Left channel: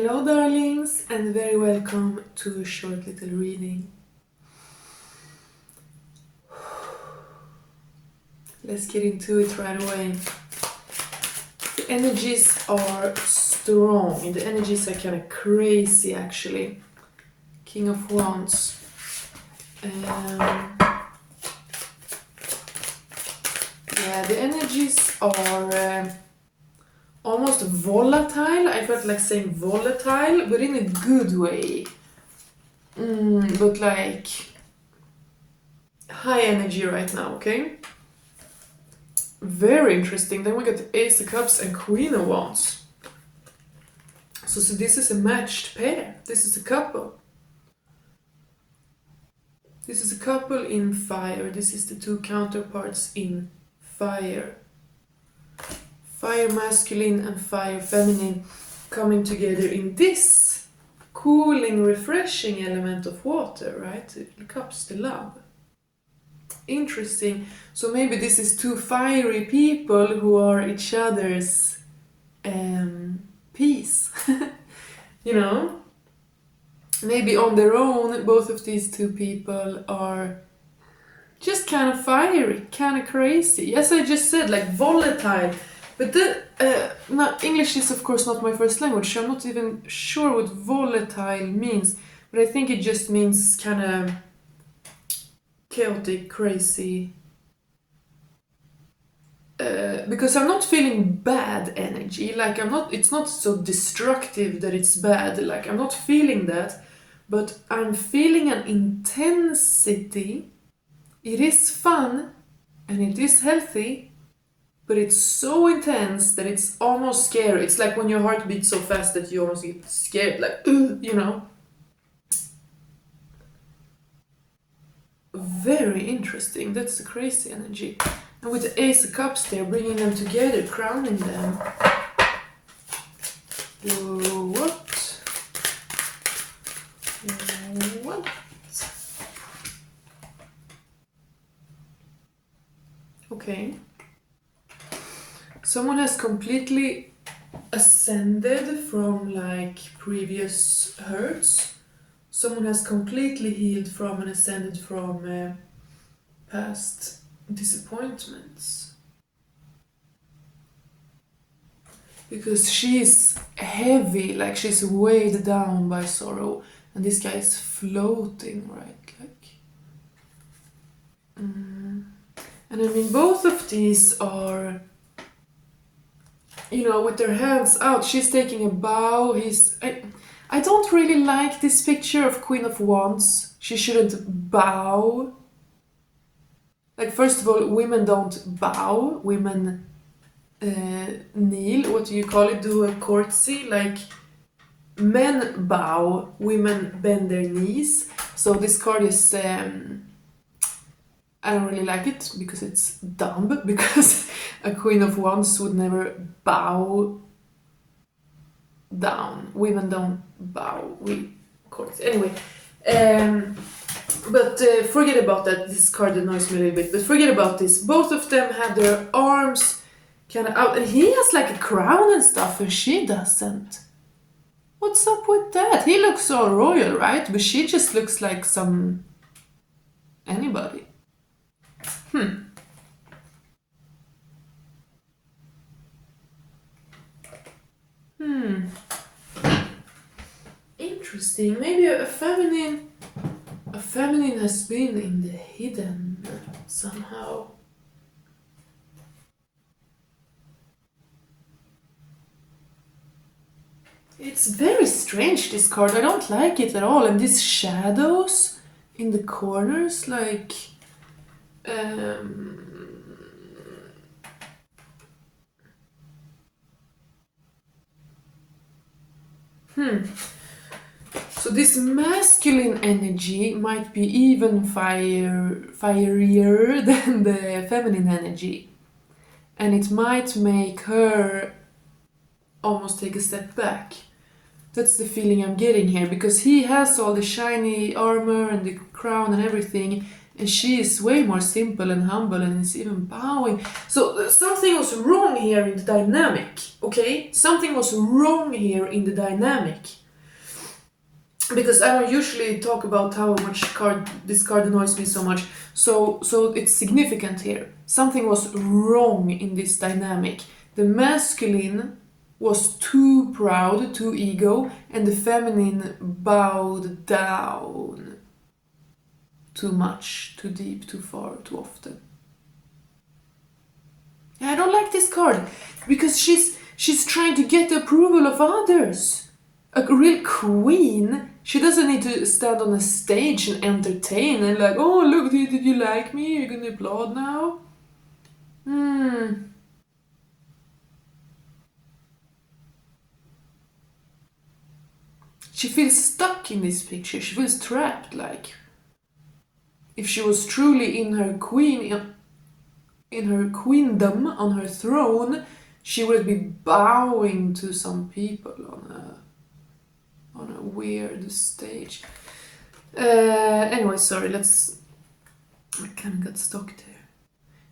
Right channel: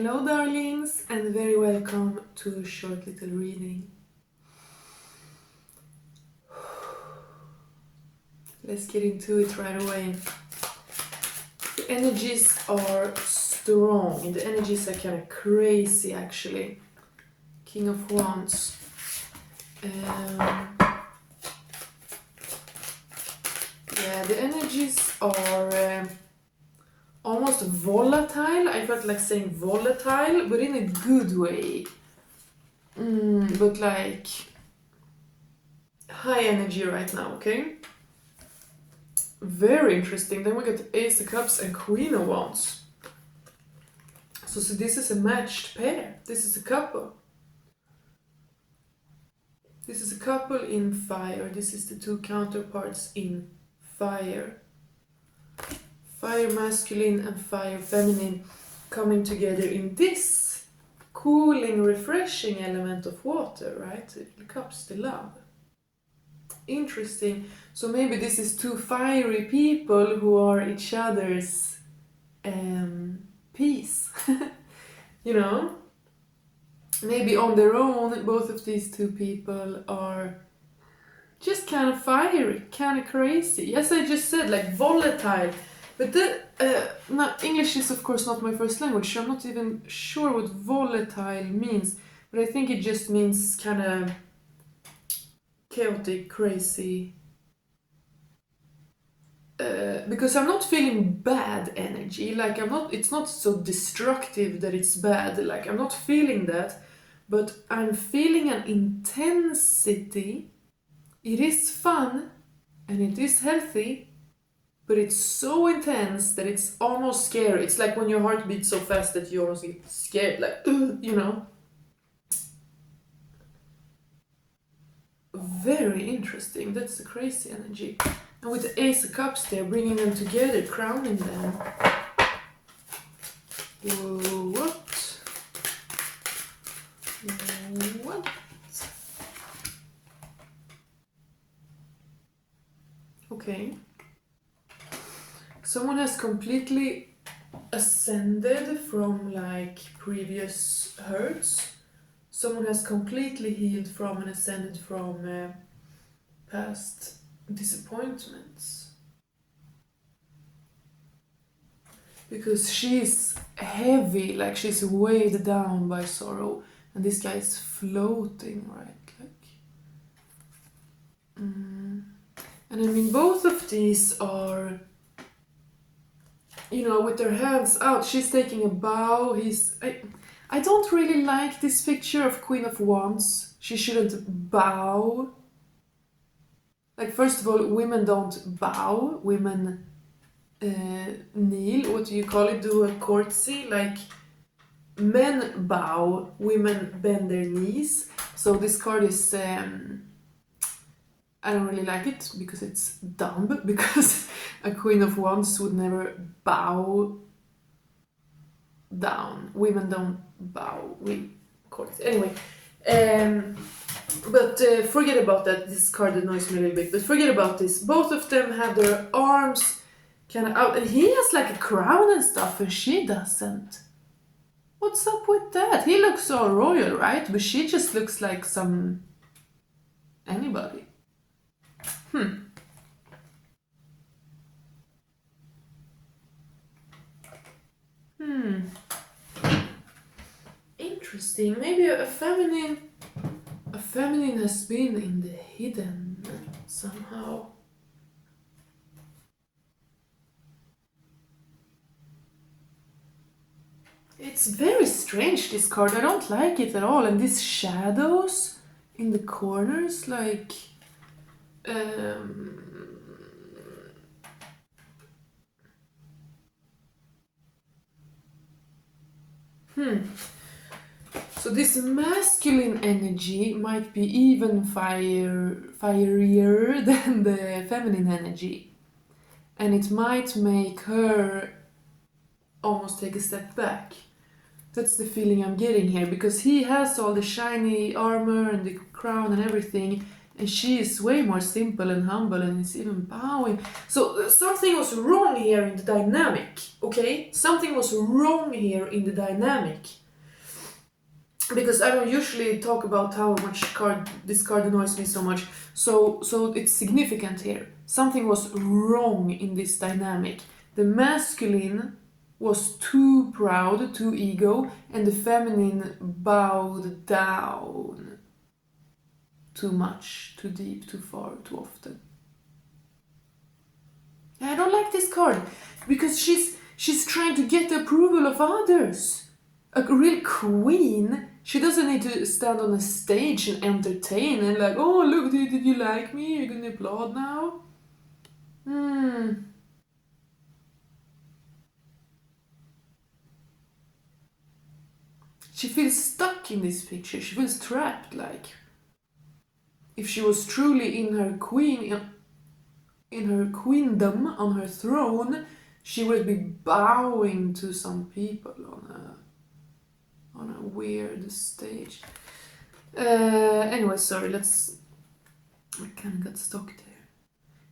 Hello darlings, and very welcome to a short little reading. Let's get into it right away. The energies are strong. The energies are kind of crazy actually. King of Wands. Yeah, the energies are almost volatile. I felt like saying volatile, but in a good way. But like high energy right now, okay? Very interesting. Then we got the Ace of Cups and Queen of Wands. So this is a matched pair. This is a couple. This is a couple in fire. This is the two counterparts in fire. Fire masculine and fire feminine coming together in this cooling, refreshing element of water, right? The cups, the love. Interesting. So maybe this is two fiery people who are each other's peace. You know? Maybe on their own, both of these two people are just kind of fiery, kind of crazy. Yes, I just said like volatile. But English is of course not my first language, so I'm not even sure what volatile means. But I think it just means kind of chaotic, crazy. Because I'm not feeling bad energy. Like it's not so destructive that it's bad. Like I'm not feeling that. But I'm feeling an intensity. It is fun and it is healthy, but it's so intense that it's almost scary. It's like when your heart beats so fast that you almost get scared, like, you know. Very interesting. That's the crazy energy. And with the Ace of Cups, they're bringing them together, crowning them. What? Okay. Someone has completely ascended from like previous hurts. Someone has completely healed from and ascended from past disappointments. Because she's heavy, like she's weighed down by sorrow, and this guy is floating, right? And I mean, both of these are, you know, with their hands out. She's taking a bow. I don't really like this picture of Queen of Wands. She shouldn't bow. Like, first of all, women don't bow. Women kneel. What do you call it? Do a courtesy. Like, men bow. Women bend their knees. So this card is... I don't really like it because it's dumb. Because a Queen of Wands would never bow down. Women don't bow. We courtesy. Anyway. But forget about that. This card annoys me a little bit. But forget about this. Both of them have their arms kind of out. And he has like a crown and stuff and she doesn't. What's up with that? He looks all royal, right? But she just looks like some... anybody. Interesting. Maybe a feminine has been in the hidden somehow. It's very strange, this card. I don't like it at all. And these shadows in the corners, like... So this masculine energy might be even fierier than the feminine energy. And it might make her almost take a step back. That's the feeling I'm getting here, because he has all the shiny armor and the crown and everything, And she is way more simple and humble and is even bowing. So something was wrong here in the dynamic, okay? Something was wrong here in the dynamic. Because I don't usually talk about how much this card annoys me so much. So it's significant here. Something was wrong in this dynamic. The masculine was too proud, too ego, and the feminine bowed down. Too much, too deep, too far, too often. I don't like this card because she's trying to get the approval of others. A real queen, she doesn't need to stand on a stage and entertain and like, oh look, did you like me? You're gonna applaud now? She feels stuck in this picture. She feels trapped, like if she was truly in her queendom, on her throne, she would be bowing to some people on a weird stage. Anyway, sorry, I kind of got stuck there.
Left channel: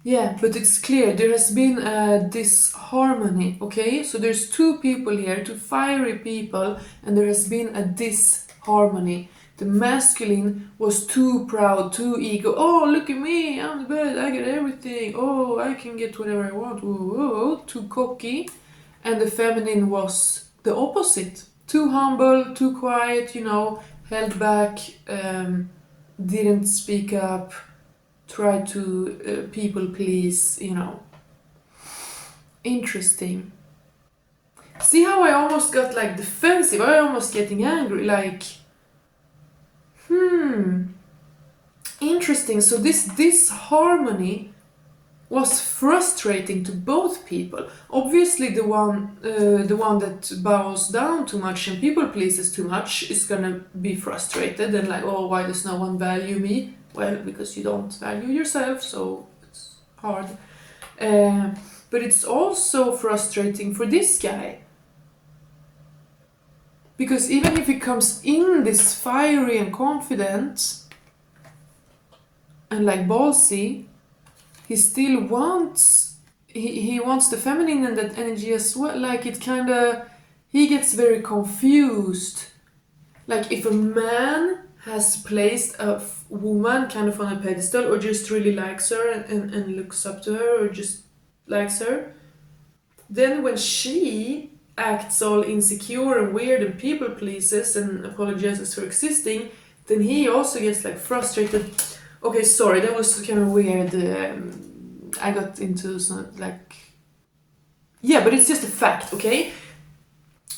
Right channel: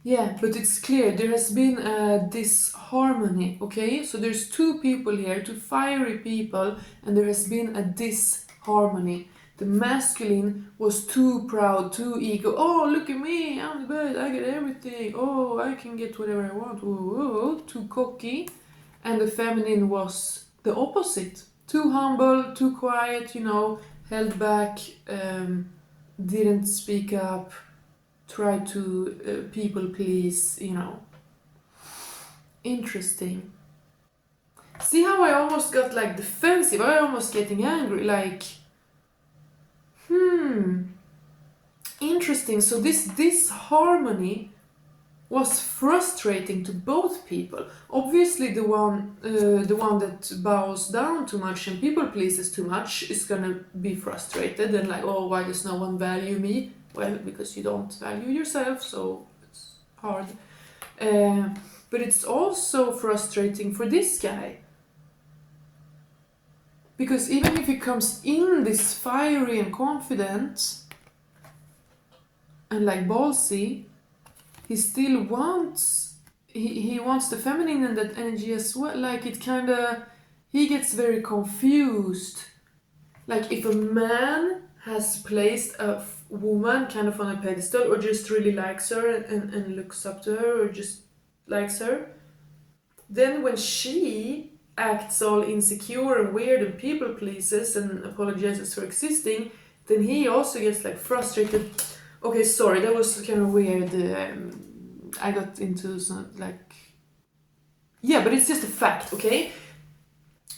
Yeah, but it's clear there has been a disharmony, okay? So there's two people here, two fiery people, and there has been a disharmony. The masculine was too proud, too ego. Oh, look at me, I'm the best, I get everything. Oh, I can get whatever I want. Whoa, too cocky. And the feminine was the opposite. Too humble, too quiet, held back, didn't speak up, tried to people please, Interesting. See how I almost got like defensive? I almost getting angry, like... Interesting. So this harmony was frustrating to both people. Obviously, the one that bows down too much and people pleases too much is gonna be frustrated and like, oh, why does no one value me? Well, because you don't value yourself, so it's hard. But it's also frustrating for this guy. Because even if he comes in this fiery and confident and like ballsy, he still wants, he wants the feminine and that energy as well. Like it kind of, he gets very confused. Like if a man has placed a woman kind of on a pedestal or just really likes her and looks up to her or just likes her, then when she acts all insecure and weird and people pleases and apologizes for existing, then he also gets like frustrated. Okay, sorry, that was kind of weird. I got into some like... Yeah, but it's just a fact, okay?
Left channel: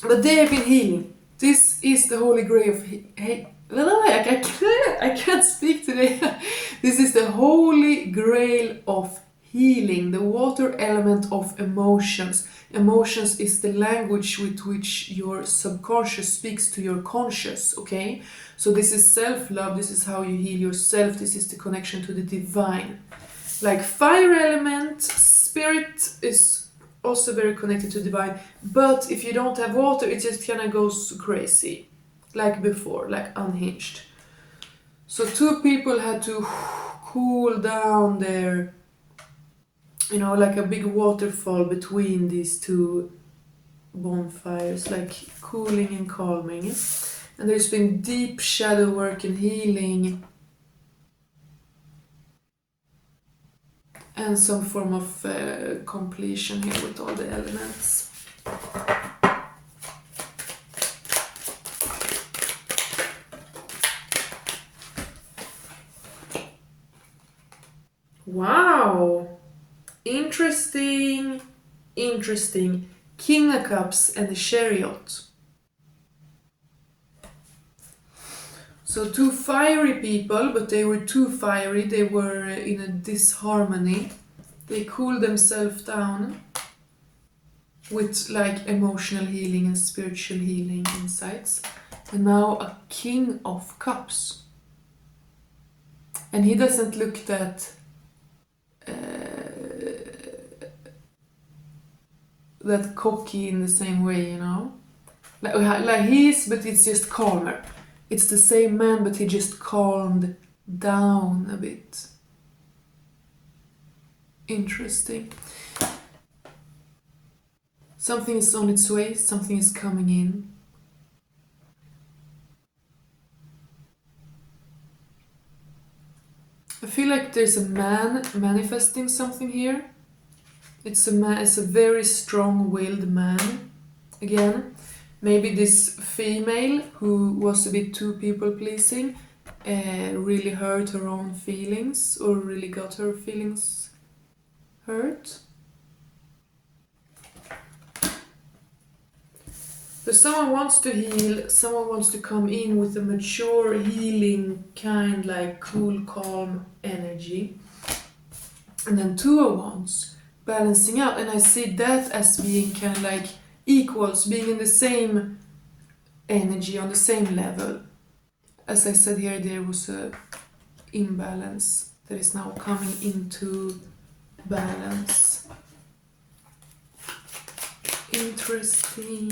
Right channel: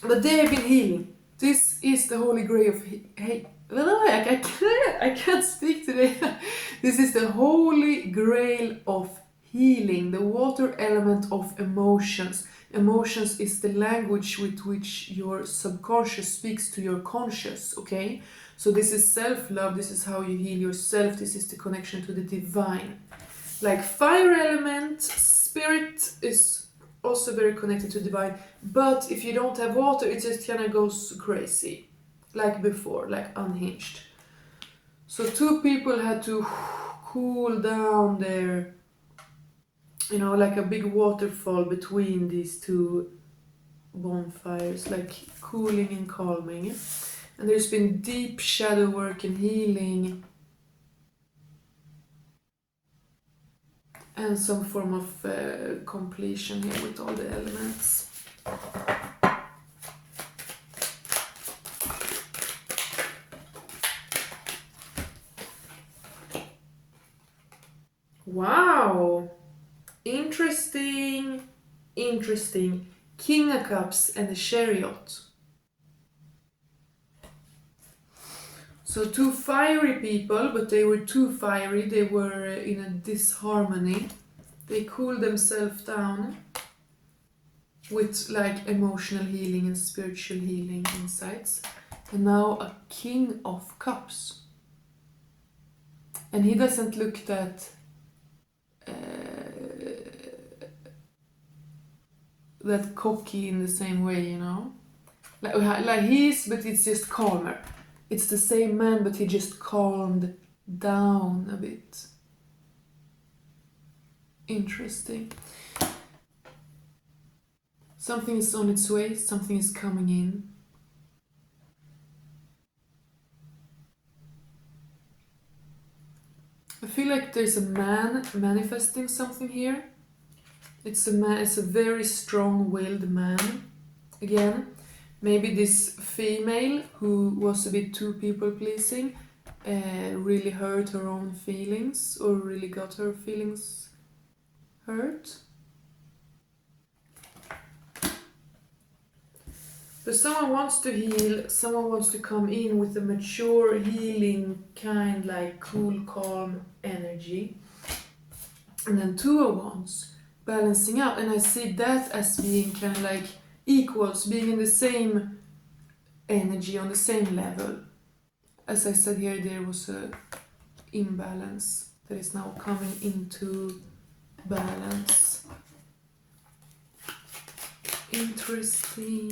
But they have been healing. This is the holy grail of... I can't speak today. This is the holy grail of healing, the water element of emotions. Emotions is the language with which your subconscious speaks to your conscious, okay? So this is self-love, this is how you heal yourself, this is the connection to the divine. Like fire element, spirit is also very connected to divine, but if you don't have water, it just kind of goes crazy, like before, like unhinged. So two people had to cool down their, like a big waterfall between these two bonfires, like cooling and calming. And there's been deep shadow work and healing and some form of completion here with all the elements. Wow! Interesting. King of Cups and the Chariot. So two fiery people, but they were too fiery, they were in a disharmony. They cooled themselves down with like emotional healing and spiritual healing insights. And now a King of Cups. And he doesn't look that cocky in the same way, Like he is, but it's just calmer. It's the same man, but he just calmed down a bit. Interesting. Something is on its way, something is coming in. I feel like there's a man manifesting something here. It's a man, it's a very strong-willed man. Again, maybe this female who was a bit too people-pleasing really hurt her own feelings, or really got her feelings hurt. But someone wants to heal, someone wants to come in with a mature, healing, kind, like cool, calm energy. And then Two of Wands, balancing out. And I see that as being kind of like equals, being in the same energy, on the same level. As I said here, there was a imbalance that is now coming into balance. Interesting.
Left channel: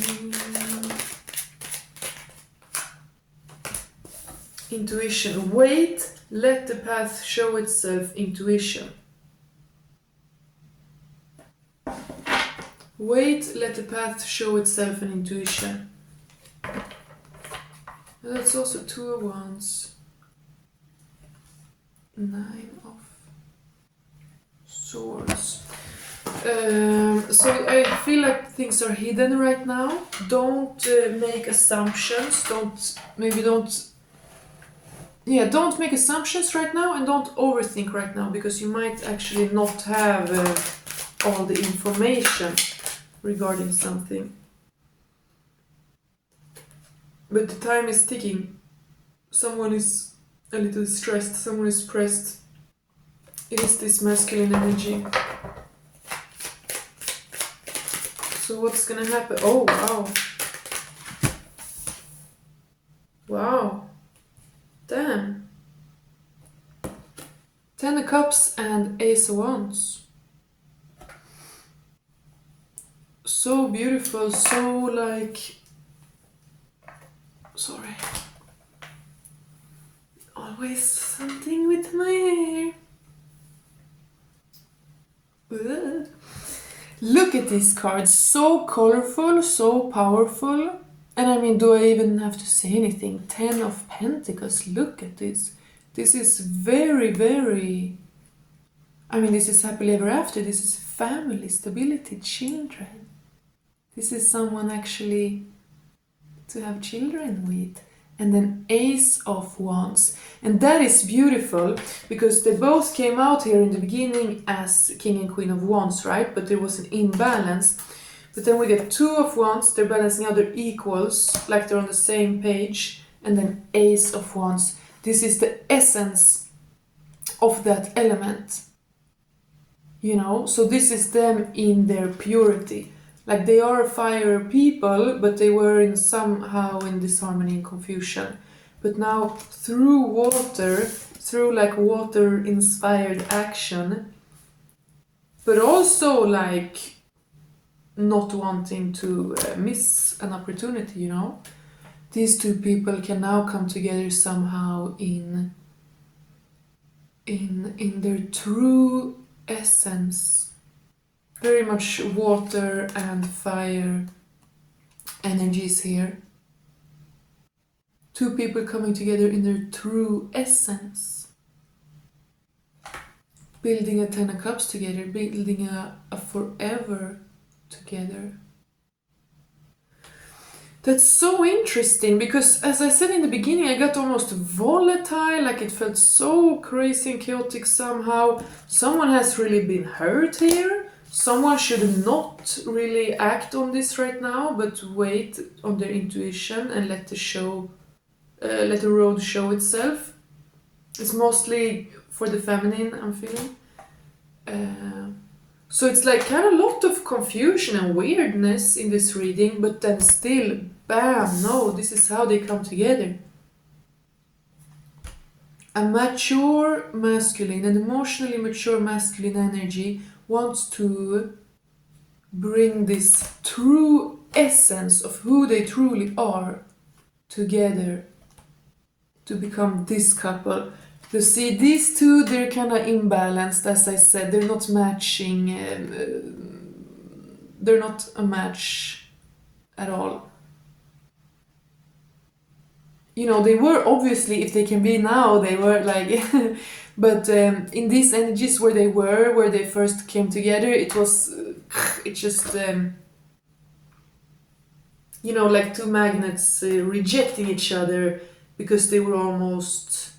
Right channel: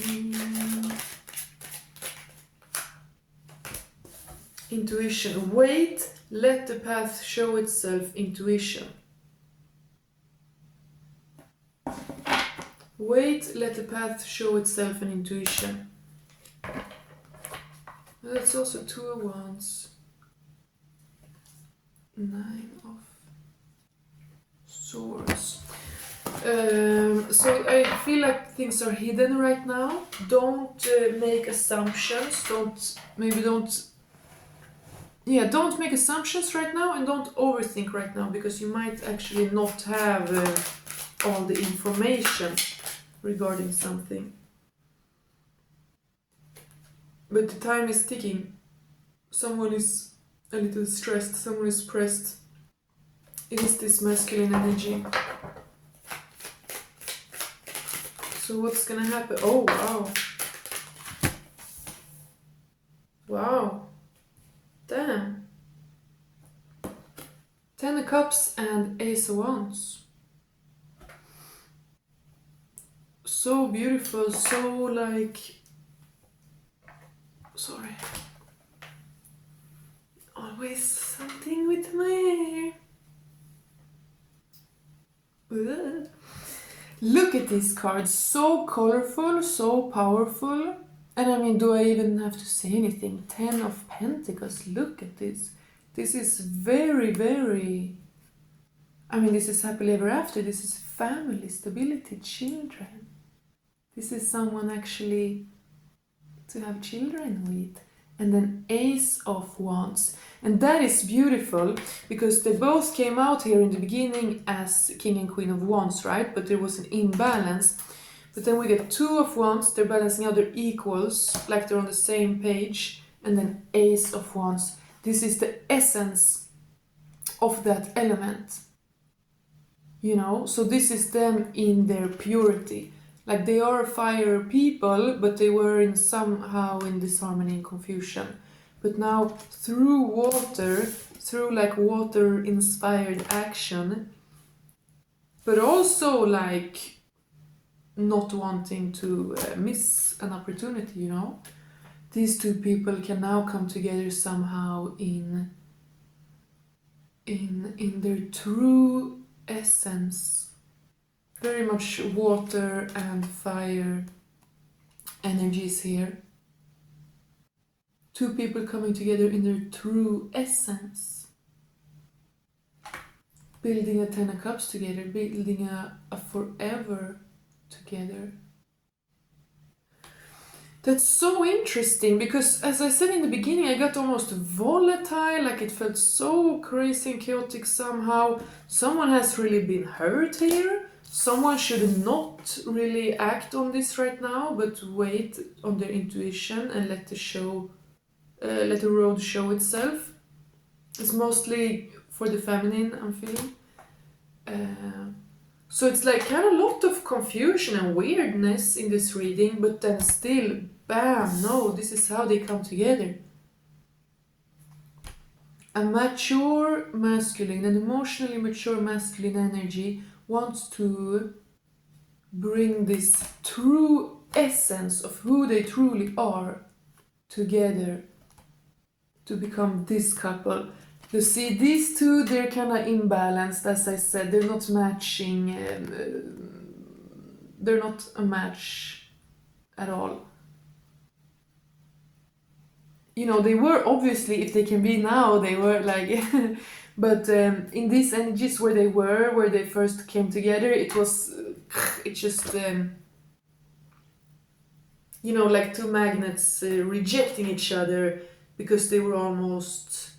Intuition. Wait, let the path show itself. Intuition. Wait, let the path show itself in intuition. And that's also Two of Wands. 9 of Swords. So I feel like things are hidden right now. Don't make assumptions. Don't make assumptions right now, and don't overthink right now, because you might actually not have all the information regarding something. But the time is ticking. Someone is a little stressed, someone is pressed. It is this masculine energy. So what's gonna happen? Oh, wow. Wow. Damn. 10 of Cups and Ace of Wands. So beautiful, so like... Sorry. Always something with my hair. Ugh. Look at these cards, so colorful, so powerful. And I mean, do I even have to say anything? 10 of Pentacles, look at this. This is very, very... I mean, this is happily ever after. This is family, stability, children. This is someone actually to have children with. And then Ace of Wands. And that is beautiful, because they both came out here in the beginning as King and Queen of Wands, right? But there was an imbalance. But then we get Two of Wands, they're balancing out, they're equals, like they're on the same page. And then Ace of Wands. This is the essence of that element. You know, so this is them in their purity. Like they are fire people, but they were somehow in disharmony and confusion. But now through water, through like water-inspired action, but also like not wanting to miss an opportunity, you know. These two people can now come together somehow in their true essence. Very much water and fire energies here. Two people coming together in their true essence. Building a 10 of Cups together, building a forever together. That's so interesting, because as I said in the beginning, I got almost volatile, like it felt so crazy and chaotic somehow. Someone has really been hurt here. Someone should not really act on this right now, but wait on their intuition and let the road show itself. It's mostly for the feminine, I'm feeling. So it's like kind of a lot of confusion and weirdness in this reading, but then still, bam, no, this is how they come together. A mature masculine, an emotionally mature masculine energy wants to bring this true essence of who they truly are together to become this couple. You see, these two, they're kind of imbalanced, as I said. They're not matching. They're not a match at all. You know, they were obviously, if they can be now, they were like, but in these energies where they first came together, it just, you know, like two magnets rejecting each other because they were almost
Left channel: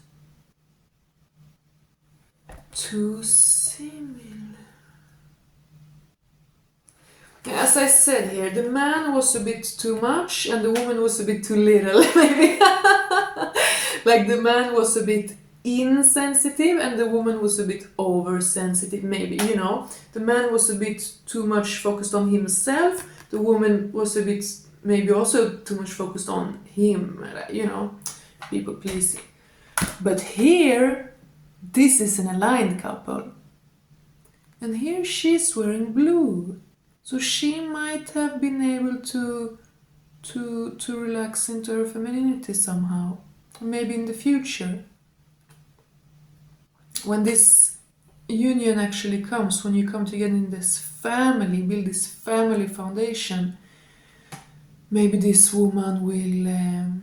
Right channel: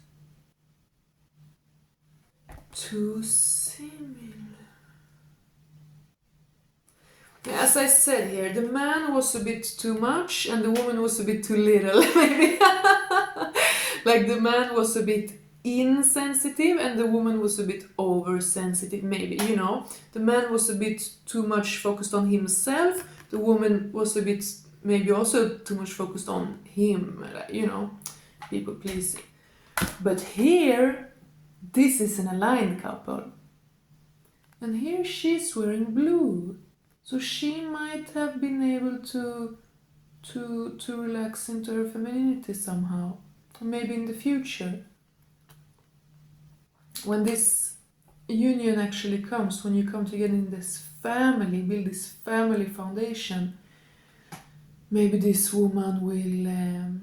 too similar. As I said here, the man was a bit too much and the woman was a bit too little, maybe. Like the man was a bit insensitive and the woman was a bit oversensitive, maybe, you know. The man was a bit too much focused on himself, the woman was a bit maybe also too much focused on him, you know, people pleasing. But here, this is an aligned couple. And here she's wearing blue. So she might have been able to relax into her femininity somehow. Maybe in the future. When this union actually comes, when you come together in this family, build this family foundation, maybe this woman will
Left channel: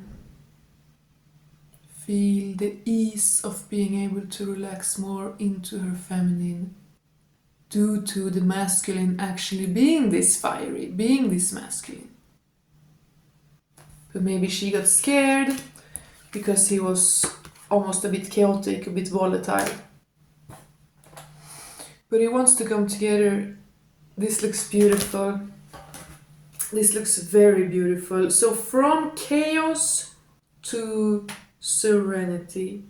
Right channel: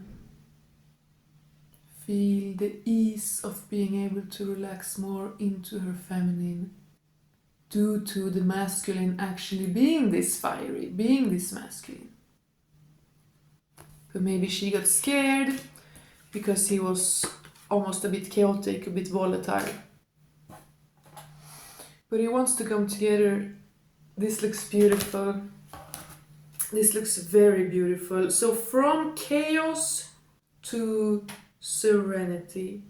feel the ease of being able to relax more into her feminine due to the masculine actually being this fiery, being this masculine. But maybe she got scared because he was almost a bit chaotic, a bit volatile. But he wants to come together. This looks beautiful. This looks very beautiful. So from chaos to serenity,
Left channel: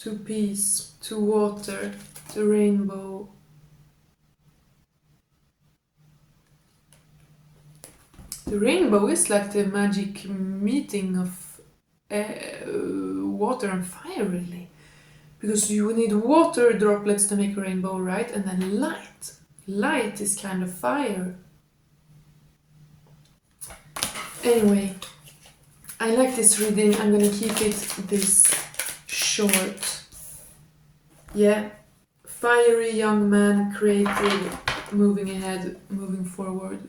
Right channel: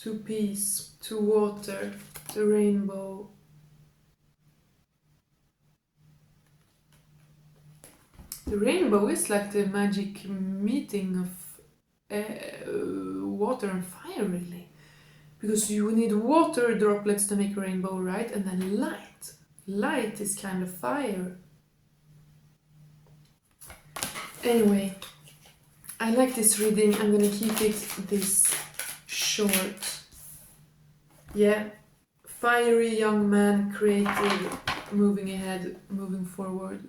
to peace, to water, to rainbow. The rainbow is like the magic meeting of water and fire, really. Because you need water droplets to make a rainbow, right? And then light. Light is kind of fire. Anyway, I like this reading. I'm gonna keep it this short. Yeah, fiery young man, creative, moving ahead, moving forward.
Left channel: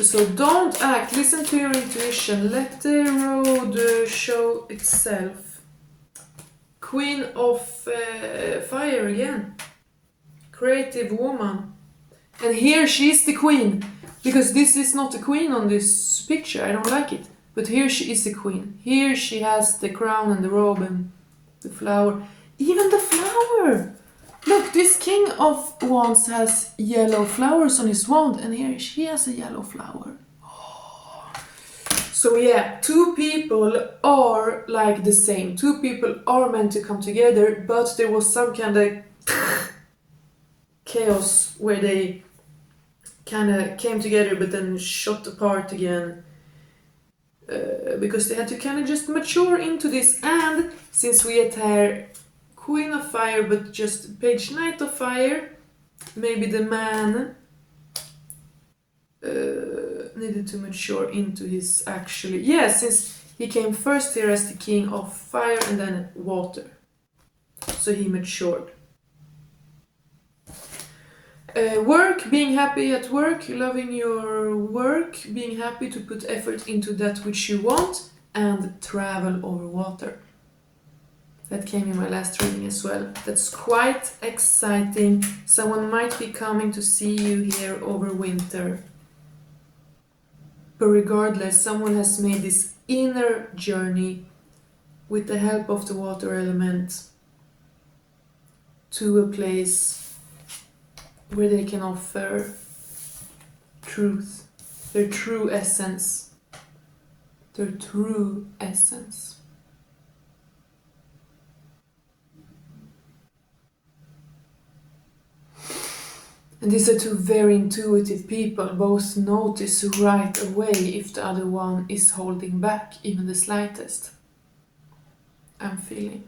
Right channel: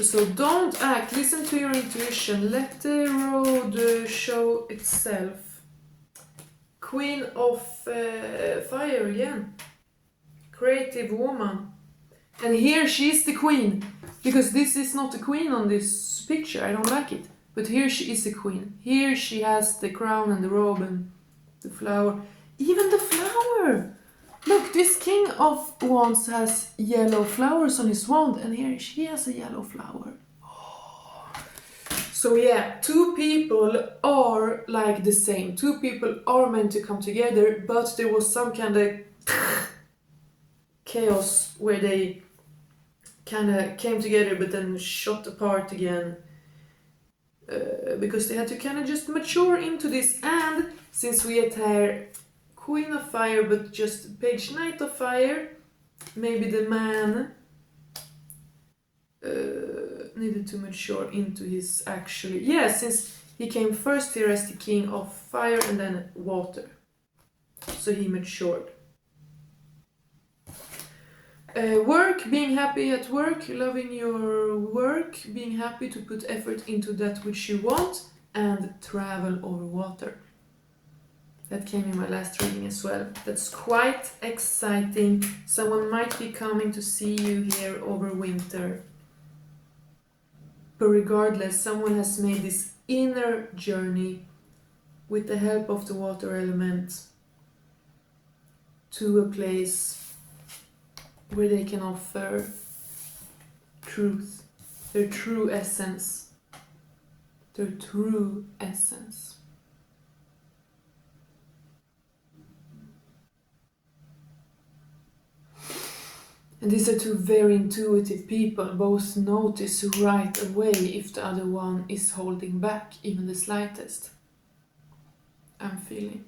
So don't act, listen to your intuition, let the road show itself. Queen of fire again, creative woman. And here she's the queen, because this is not the queen on this picture, I don't like it. But here she is the queen. Here she has the crown and the robe and the flower. Even the flower! Look, this king of wands has yellow flowers on his wand, and here she has a yellow flower. Oh. So yeah, two people are like the same. Two people are meant to come together, but there was some kind of chaos where they kind of came together but then shot apart again. Because they had to kind of just mature into this. And since we had here Queen of Fire but just page Knight of Fire, maybe the man needed to mature into his actually, yeah, since he came first here as the King of Fire and then Water, so he matured. Work, being happy at work, loving your work, being happy to put effort into that which you want, and travel over water. That came in my last reading as well. That's quite exciting. Someone might be coming to see you here over winter. But regardless, someone has made this inner journey with the help of the water element to a place where they can offer truth, their true essence, their true essence. And these are two very intuitive people, both notice right away if the other one is holding back, even the slightest. I'm feeling.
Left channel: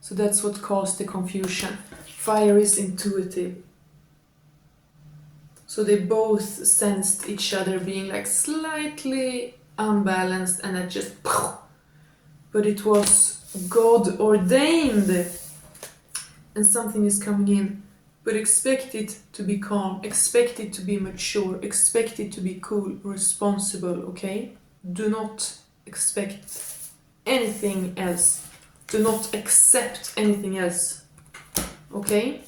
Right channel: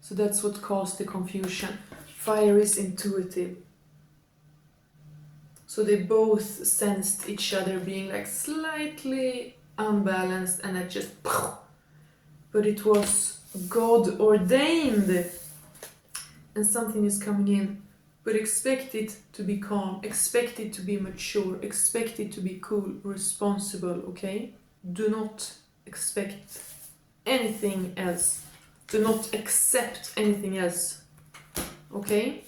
So that's what caused the confusion. Fire is intuitive. So they both sensed each other being like slightly unbalanced, and I just, but it was God ordained, and something is coming in. But expect it to be calm, expect it to be mature, expect it to be cool, responsible, okay? Do not expect anything else. Do not accept anything else, okay?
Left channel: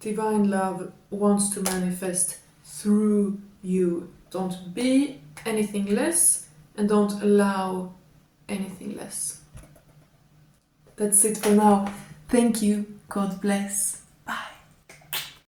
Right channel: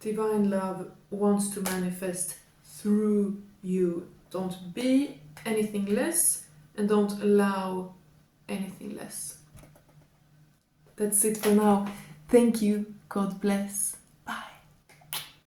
Divine love wants to manifest through you. Don't be anything less, and don't allow anything less. That's it for now. Thank you. God bless.